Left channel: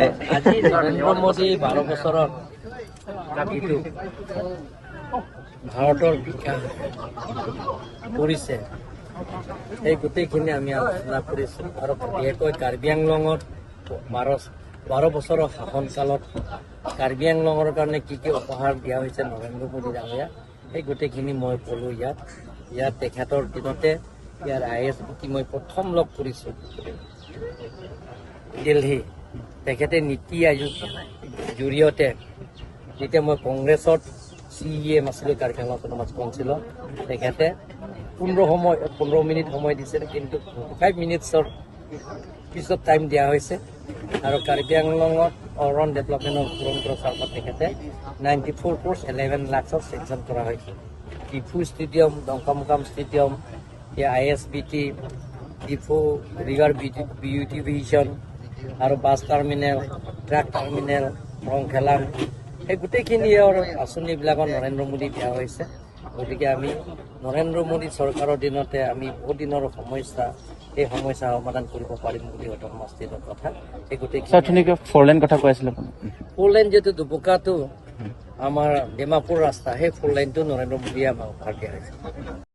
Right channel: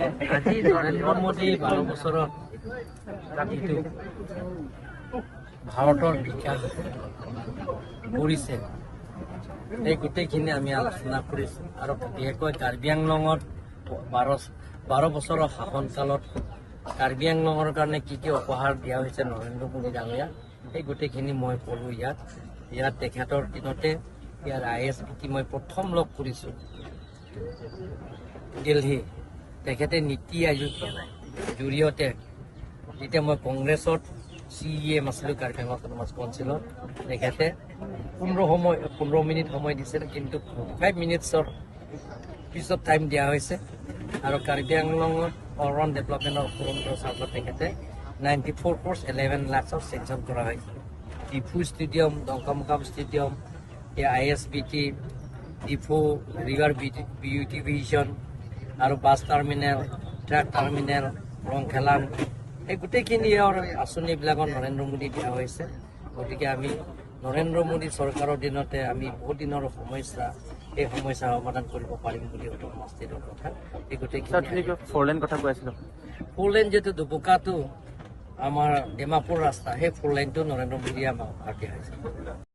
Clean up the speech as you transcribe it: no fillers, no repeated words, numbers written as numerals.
আজি নৰেন্দ্ৰ মোদী 12 বছৰত যিটো ভাৰতৰ বিকাশ কৰিছে এই গোটেইখিনি আমি আলোচনা কৰিছোঁ আৰু বিশেষকৈ কাৰ্বি আংলঙত 12 বছৰৰ শাসনকালত কাৰ্বি আংলঙৰ কাৰণে কি উপহাৰ দিয়া হৈছে নৰেন্দ্ৰ মোদী ডাঙৰীয়া সেই গোটেইখিনি মই ক'লোঁ ইয়াত তেখেতৰ দিনতে ইয়াৰ ISBT মই প্ৰথম লগ কৰিছোঁ দিল্লী তেখেতে নীতি আয়োগ জৰিয়তে যেতিয়া মই কংগ্ৰেছত CEM আছিলোঁ কাৰ্বি আংলং অট'নমাছ কাউন্সিলত তেখেতে 15 মিনিট সময় দিছিল কিন্তু 5 মিনিটছৰ পিছত টাইম দিয়া হৈছে আৰু কাৰ্বি আংলঙত অলৰাউণ্ড ডেভেলপমেণ্টৰ তুৰন্ত চাৰ্কত তেখেতে 94 crores 11 lakhৰ চেংচন কৰা হৈছে Diphu stadium Dongkamukam stadium ISBT Diphu river beautification আৰু bus terminal truck terminal Rongkhelan এই গোটেইখিনি আঁচনিবিলাকত নৰেন্দ্ৰ মোদী দিয়া হৈছে গতিকে আমি নৰেন্দ্ৰ মোদী চৰকাৰৰ দিনতে আমি বহুত দিনৰ সমস্যা এই সমস্যা সমাধান কৰিব পাৰিম বুলি অট'নমাছ ষ্টেটৰ কথা এই গোটেইখিনি ফ'ৰলেন কথা কৈ আছিলে ফ'ৰলেন যিটো দুবকাটো আমাৰ ডিমাপুৰ ৰাস্তা সেই ফ'ৰলেনটো নৰেন্দ্ৰ মোদীয়ে আমাক উপহাৰ দিয়া হৈছে